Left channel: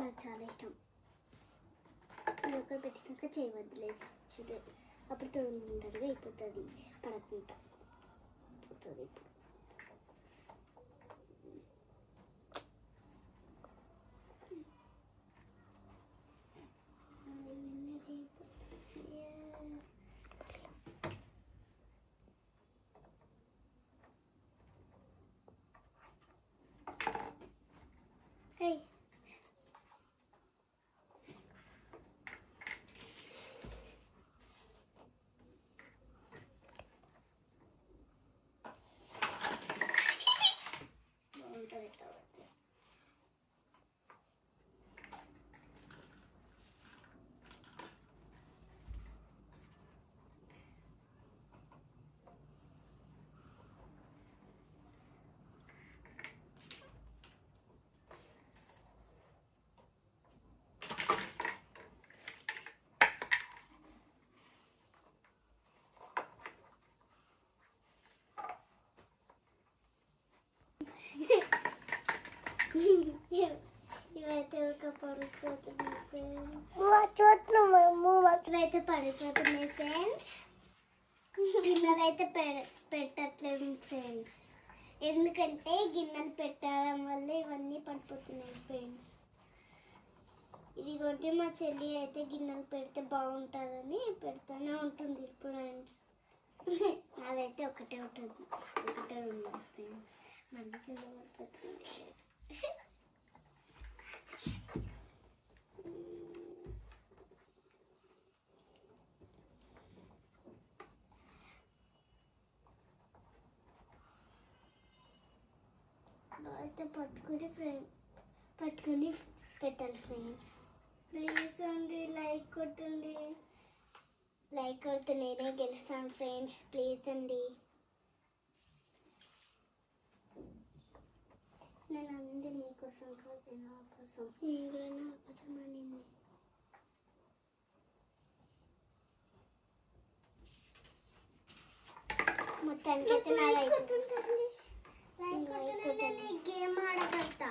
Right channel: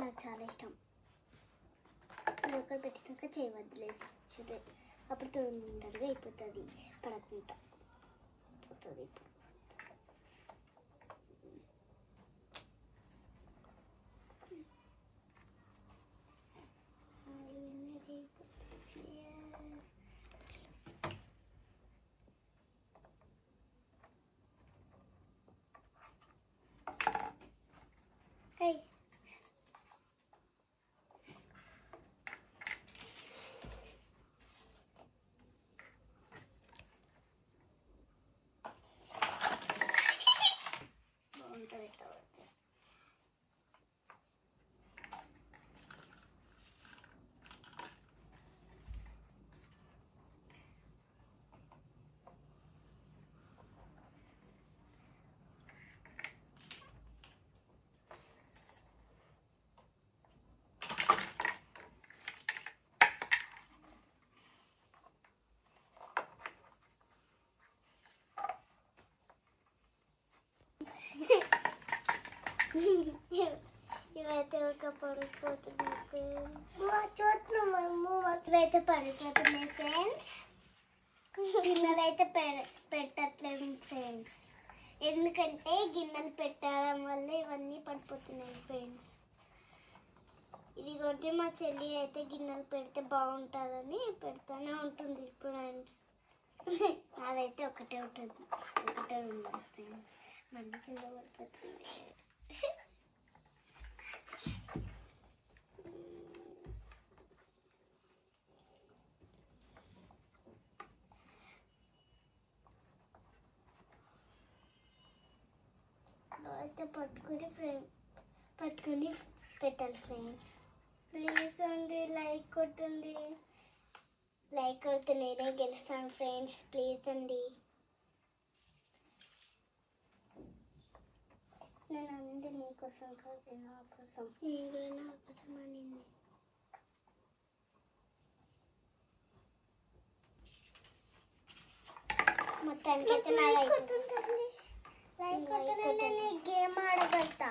నాకు చాలా ఇష్టం. ఇది ఒకటి పెట్టినాక చేయవద్దులేదు చూడు, అప్పుడు తొందరగా అయిపోతుంది, పడకుండా పోతుంది. Hey. ఇవైతే ఒక పడిపోతుంది, ఇవైతే పడిపోతున్నాయి ఫ్రెండ్స్. గిన్నెలు అయితే పెట్టట్లేదు ఫ్రెండ్స్, ఎందుకంటే గిన్నెలు పెట్టడం వల్ల ఇవన్నీ పడిపోతున్నాయి ఫ్రెండ్స్. ఇదిగోండి మా చెల్లి అయితే గిన్నెలు పెడితే బాగుంటుందని పెడతానే ఉంటుంది ఫ్రెండ్స్. అదైతే ఒకటే ఉంది ఫ్రెండ్స్. మళ్ళీ కింద పడిపోతుంది. అయితే పట్టుకుని పెట్టాలి ఫ్రెండ్స్. ప్లీజ్ అండి లైక్ కొట్టండి, లైక్ కొడితే నేనే గెలుస్తాను ఫ్రెండ్స్. ప్లీజ్ అండి. నేను అనింది నీకోసం కాదు, నా కోసం. నేను కూడా నా కోసం అనింది. మొత్తానికి అయితే నా లైక్ గేమ్ ఆడగలుగుతా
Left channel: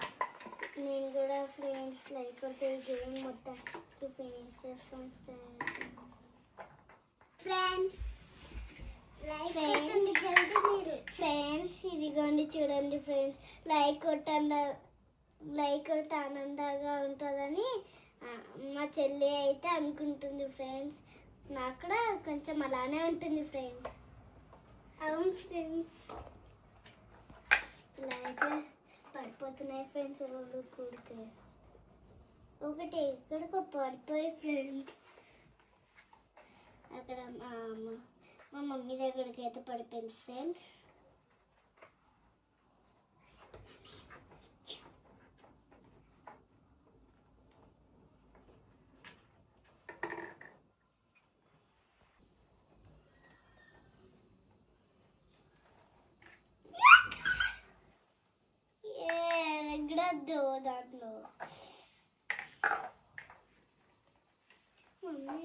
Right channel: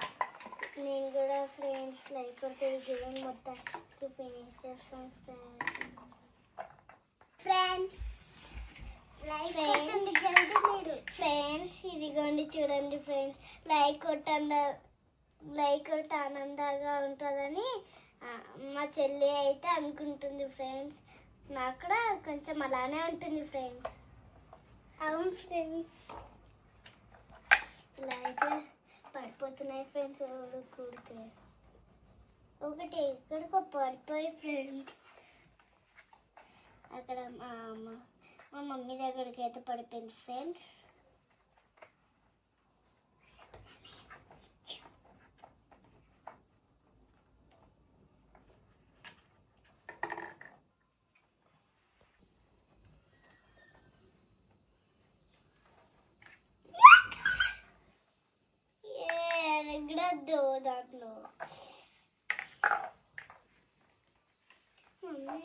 నేను కూడా ఫ్రెండ్స్. లైక్ కొడితే గేమ్ మొత్తానికి ఫినిష్ చేస్తాం ఫ్రెండ్స్. లైక్ కొట్టండి జల్దీ మీరు ఫ్రెండ్స్. ఇదిగోండి చూడండి ఫ్రెండ్స్, లైక్ కొడితే ఆనందంగా ఉంటుందని మా చెల్లి అయితే అనుకుంటుంది ఫ్రెండ్స్. నాకు కూడా కొంచెం అలానే ఉంటుంది ఫ్రెండ్స్. అవును ఫ్రెండ్స్, ఇలా అయితే పడిపోతున్నాయి ఫ్రెండ్స్. కూడితే ఒకటి ఎక్కడికో పడిపోయి ఫ్రెండ్స్. అక్కడ మా మమ్మీ దగ్గరికి అయితే పడిపోయింది ఫ్రెండ్స్. ఎగడద్దు దాంట్లో మమ్మీ.